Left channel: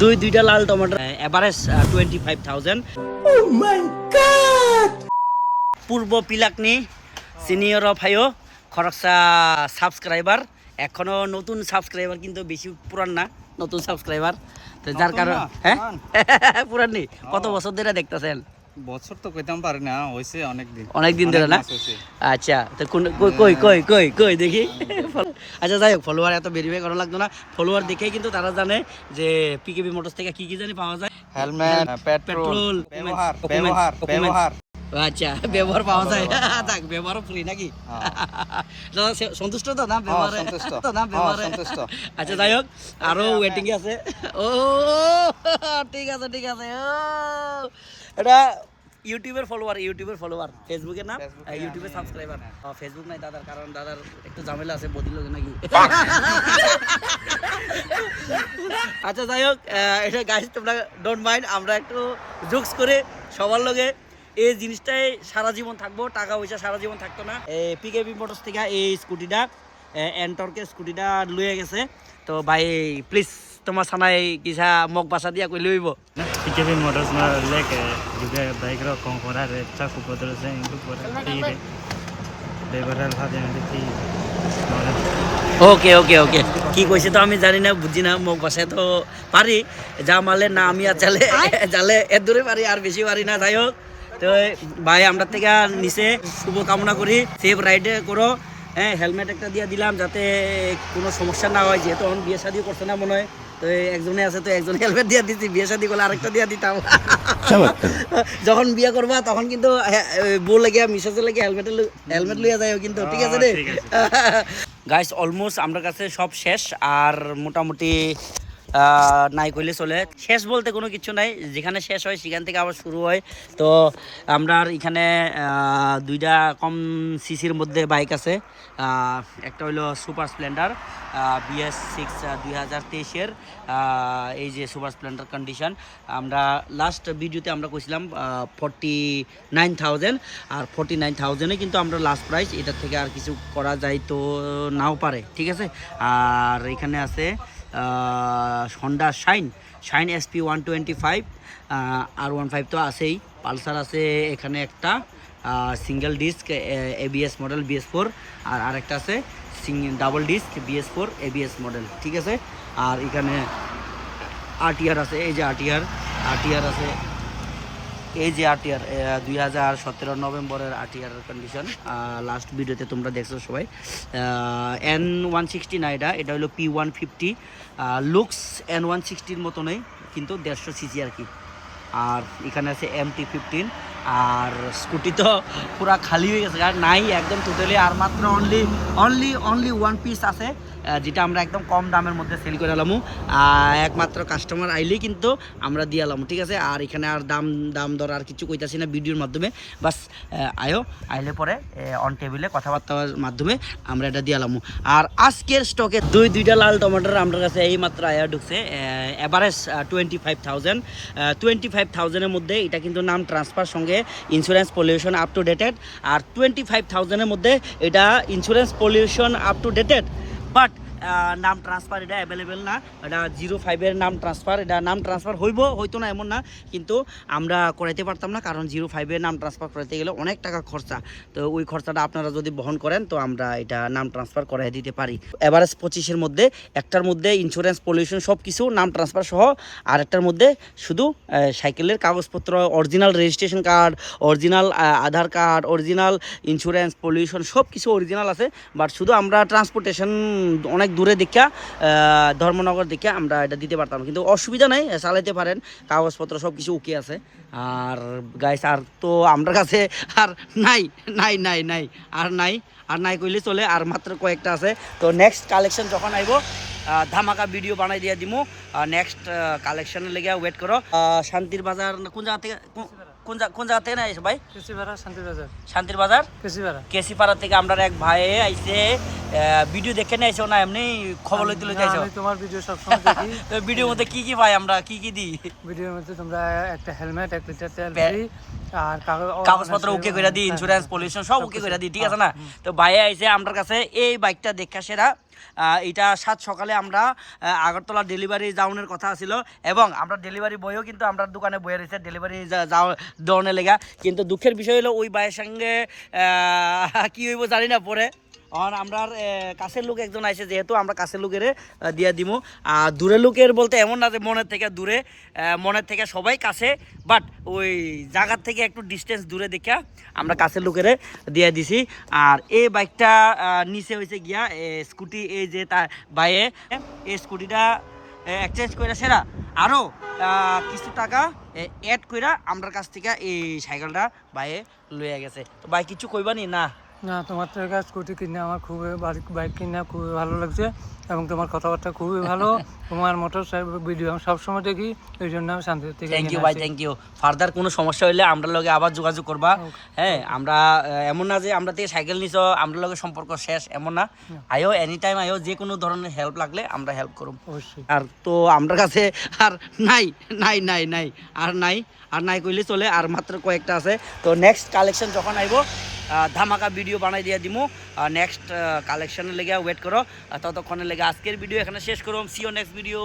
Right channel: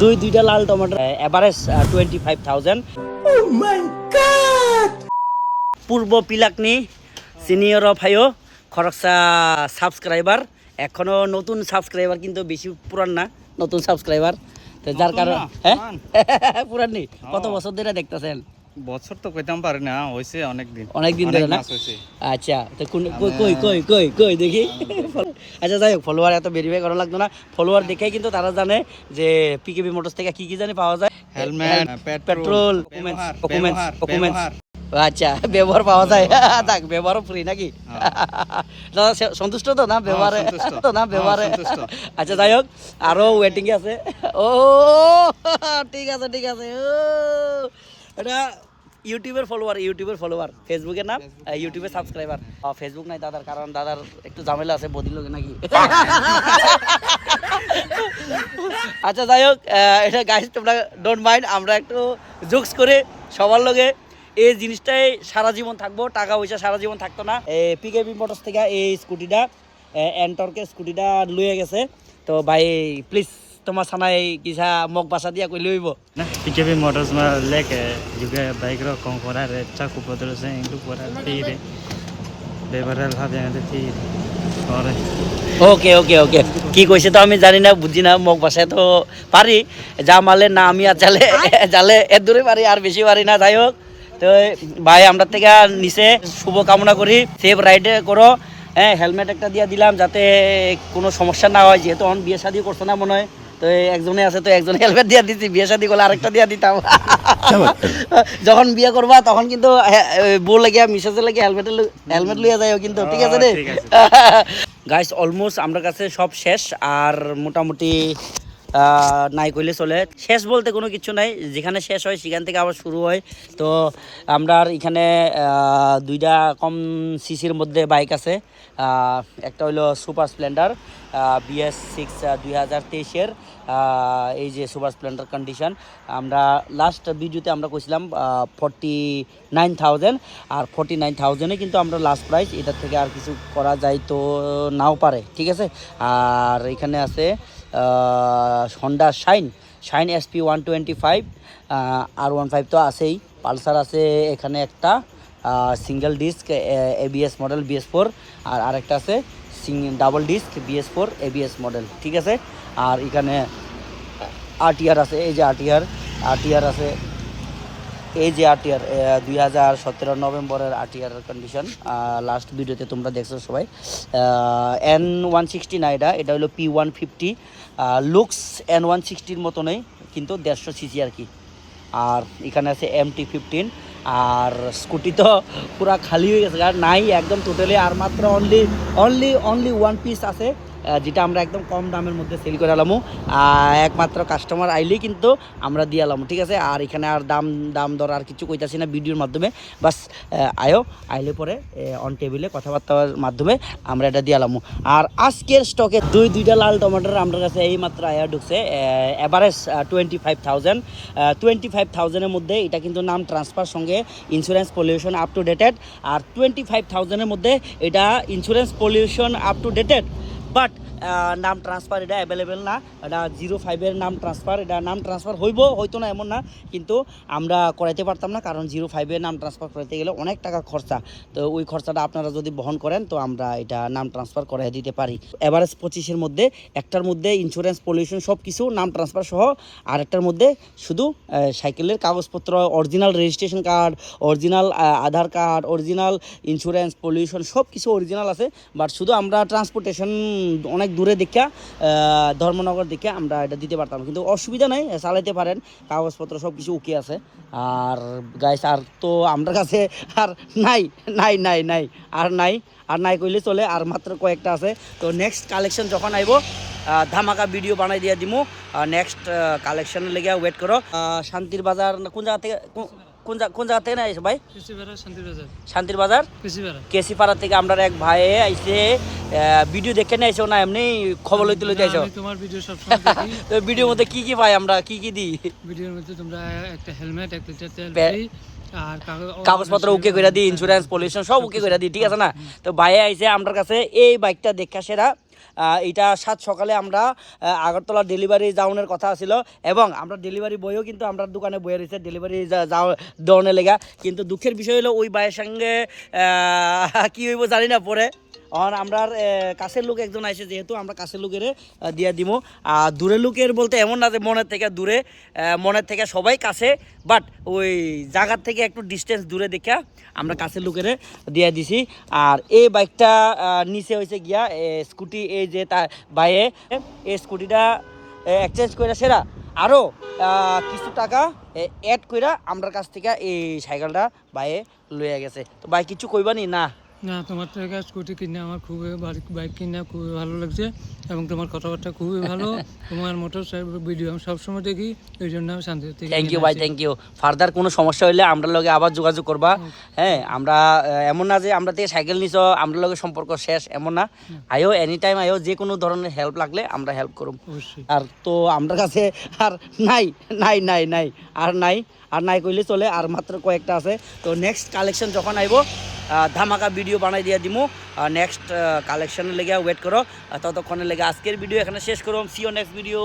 দুইটা লাল tomato average 25,000। পূর্ব পিলাকনি senior ভাইও খরচা সাবস্ক্রাইবার, এখনো নতুন সাবস্ক্রাইবার, কিন্তু বেশি পুরান না, নতুন সাবস্ক্রাইবার। তো যার কারণে হ্যাঁ পুরান নেই। কত বছর ধরে দেখতেছেন? বছর তো কইতাম পারি না, হইছে অনেক দিন ধরে না? আচ্ছা, তো কই কই কই কই দেখি। আচ্ছা যাই হোক, ফলোয়ার এত ভেরিফাই করা লাগতো না, ফলোয়ার দেখেই কিন্তু তারা জানে যে পিকেবি মোটরস থেকে কি কি জানি পাওয়া যায়। হেলমেট, পেট্রোল, ব্যবহার। আচ্ছা, ব্যবহার পাওয়া যায়। থাক, ব্যবহারও ফ্রি নাকি? দাদা সন্তুষ্ট তো না ব্যবহারে? তো না ব্যবহারে? আচ্ছা যাই হোক, আরো ওয়েটিং এ আছে। ও ঠিক আছে ঠিক আছে। ও এটা ইউটিউবের ফলোয়ার, ফেসবুকের নাম, ইউটিউবের সাবস্ক্রাইবার। ফেসবুক নাই দাদার, কারণ দাদার একটু ঝামেলা আছে বদিল নাকি। আচ্ছা যাই হোক, এটা গাইস তোমরা ডোন্ট মাইন্ড, আমরা একটু জোকস করে সবার লগে এই জিনিসটাই সারা জীবন থাকবো, টাকা পয়সা সারা জীবন থাকতো না। পিকেবি মোটরস থেকে এই স্কুটিটা, এনটর্কের স্কুটিটা লইয়া গেছে। তো ভাই প্লিজ তোমার সানাই কিসা মোক বাসা দিয়া কই লইব ना PKB मोटर्स में लेके juga baik ro kong kora re chaku podro se indu kora tire bebaral bhabe ande tire ore ওকে ওকে ওকে, কি কইছে তো আমি জানি না, বুঝি না, মোক বাসায় তো পারি, যা মালে না আমি আর চালে জালে এর দূরে পারি, আর বেশি পারি না। যাই হোক, তো ভাই আমরা থেকে নিচে শুভ কামনা করি, সেফ রাইডে করো। হ্যাঁ, হেলমেট একটা দিয়ে দিলাম যাতে কোনো সমস্যা না হয়, যেহেতু অন বিয়ে শাদি করছে না মনে হয়, তো একজনে আছে, তো একজন হেলমেট দিয়ে দিচ্ছি, বিয়ে শাদি করলে আরেকটা দিয়ে দিতাম। যখন বিয়ে করবা তখন কিন্তু বউ লাগিয়া মিসেজে লাগিয়ে হেলমেট লইয়া যাই কিন্তু, ঠিক আছে রে? গাইস অলমোস্ট আমার কাছে সব শেষ, আর মোটামুটি নাই কইলে চলে। শেষ বলতে কোনো কিছু নাই, যেখানে শেষ হয় সেখান থেকে আবার শুরু হয়। তো আমরা এখানে দুইটা কম সিসির মধ্যে বাইক আছে। একটা হইলো সুপার স্প্লেন্ডার BS6 2023-এর, এই যে সুপার স্প্লেন্ডার কন্ডিশন। আমরা লাস্ট ভিডিওতে আমরা কইছিলাম 49,000, আর 49,000-এ কিন্তু আমরা লাস্ট প্রাইস, এটার থেকে আর কিছু করা যায় তো নাও পারে, ঠিক আছে। আর এখানে আছে হন্ডা শাইন SP 125, R15 তো আছেই, পালসার আছে এখানে একটা single disc ABS model BS4, আর আরেকটা আছে double disc BS4 ABS model, ঠিক আছে। আর এখানে RTR আছে, এই যে RTR আছে, এই যে RTR 2017 নভেম্বরের RTR কন্ডিশন, লাস্ট ভিডিওতে তোমরা দেখছো সবাই। N160 না, এটা হলো P150, লুকস N160-র মতনই, কিন্তু 150 সিসি আর কি। আর এখানে আছে MT-15, আর স্কুটি তো পুরা খালি হয়ে গেছে, আর নাই একদম টোটালি, আর মাত্র অনলি ওয়ান পিস আছে, যেটা আমরা একদম কম দামের মধ্যে সেল করে আলামু, একমাত্র কাস্টমার আইলেই কিন্তু আমরা দিয়ে আলামু, ঠিক আছে। আর এখানে আর দাম দর আর কিছু কইতাছি না ভিডিওর মাধ্যমে, বাস আইলে পরে অন টেবিলে কথাবার্তার মাধ্যমে আমরা এটা দিয়ে আলামু। আর আজকের স্টকে দুইটা লাল টমেটোর আমার কাছে এই মাত্র আয়া ঢুকছে, এভারেজ 25,000-এর মধ্যে। এটা কিন্তু নাম ট্রান্সফার সঙ্গে insurance pollution up to dated, আর 25,000-এর মধ্যে এটা insurance pollution up to dated, but নাম ট্রান্সফার এটা অ্যাভেলেবেল না। এটা 05-এর নাম ট্রান্সফার, এটা নাম ট্রান্সফার হইতো না এমন না, কিন্তু আমরা করাইতে পারতাম না, কারণ 05-এর নাম ট্রান্সফার করাইতে গেলে অনেক টাকা খরচা। তো ওই খরচাটা আপনারা যদি বহন করেন তো আমরা এটা নাম ট্রান্সফার করাই দিতে পারি। এভারেজ 25-এর মধ্যে, একটার মধ্যে ইন্স্যুরেন্স পলিউশন সব কিছু নাম ট্রান্সফার সহ, আর একটার মধ্যে শুধু সাইকেলের কাগজপত্র, অরিজিনাল রেজিস্ট্রেশন কার্ড, অরিজিনাল আধার কার্ড, অরিজিনাল ইন্স্যুরেন্স পলিউশন সব কিছু অরিজিনাল আছে, বাট শুধু আমরা ট্রান্সপোর্টেশন অনেক দূরে দেখা, ধর্মনগর দেখে আমরা এটা দিতে পারতাম, কিন্তু অসুবিধা নাই, চালাইতে পারেন, কাগজপত্র সব কিছু ওকে আছে। আর গাইস আর তো আমার কাছে আর নাই কইলে চলে, আর মাত্র কয়েকটা আছে। তো নেক্সট কালেকশন যখন আইব ধামাকা ভিডিও বানাই দিয়ে দিমু। নেক্সট কালেকশনের লেগে ওয়েট করো। শান্তির বাজার কোন জায়গা থেকে, কোন জায়গা থেকে আইছে ভাই? শান্তির বাজার কেসিপাড়া থেকে আমরা এক ভাই আইছে, ভিডিও দেখে নিয়েছো না এমনি খবর লইতে আইছো? আমি তোমার ভিডিও সব সময় দেখি। তো ভিডিওর মধ্যে কি পাই আমরা, কি দিই? ভিডিওর মধ্যে তোমরা একটা হেলমেট, 1 লিটার তেল ফ্রি, আর কাগজপত্র ওকে করে দিই, ইন্স্যুরেন্স পলিউশন সব ওকে করে দিই, ঠিক আছে না? তো ভাই আইছে আমার কাছে এই বাইকটা দেখা সেরা, এটা সাত সকালে আমরা আগরতলা ডেলিভারি যাওয়ার কথা ছিল এবং আমরা ডেলিভারি বইও কিন্তু আমরা দোকানে বয়ে রয়েছে ডেলিভারি দেওয়ানোর লেগা কিন্তু দুঃখের বিষয় হলো ওই ভাইয়ের সঙ্গে কি হইব জানি না পরে আর আমরা কাছের লোক একজন আছে যেহেতু আমরা কাছের লোকের দিয়ে দিব আর দূরের লোকের বলতে এমন না যে মনের থেকে দূরে মনের থেকে সবাই কাছে বাট ওই জায়গার থেকে একটু ডিস্টেন্স দূরে দেখা আমরা কাছের লোকের দিয়ে দিছি আর এই বাইকটা নিচে হয়েছে গিয়া স্কুটি এই যে তার ভাইয়ে এই স্কুটিটা এক্সচেঞ্জ করে সেরা আরও কিছু টাকা অ্যাড কইরা আমার কাছ থেকে এই সাইকেলটা ভাইয়ে লইয়া গেছে তো ভাই কিছু কইবানি না না তোমার থেকে স্কুটি কিনে আমার খুবই বাইক কিনে খুবই ভালো লাগছে এবং তোমার কথাবার্তা খুবই ভালো তোমার মোটর ভিডিও আমি সবসময় দেখি এই জন্য আমি শান্তি থেকে থ্যাংক ইউ ভাই থ্যাংক ইউ ফার্দার কোনো সমস্যা হলে আমরা লগে আবার যোগাযোগ করবা হ্যাঁ আমরা এমন না যে আমরা থেকে সাইকেল নিছ আমরা লগে সম্পর্ক শেষ এমন না আইও এনি টাইম আইও যে কোনো ধরনের হেল্প লাগলে আমরা হেল্প করব অবশ্যই আর তো আমরা কাছে আর নাই কইলে চলে আর মাত্র কয়েকটা আছে তো নেক্সট কালেকশন যখন আইব ধামাকা ভিডিও বানাই দিয়ে দিমু নেক্সট কালেকশনের লেগে ওয়েট করো ততক্ষণের লেগে আজকের ভিডিও এখানে শেষ করব সি ইউ নেক্সট ভিডিও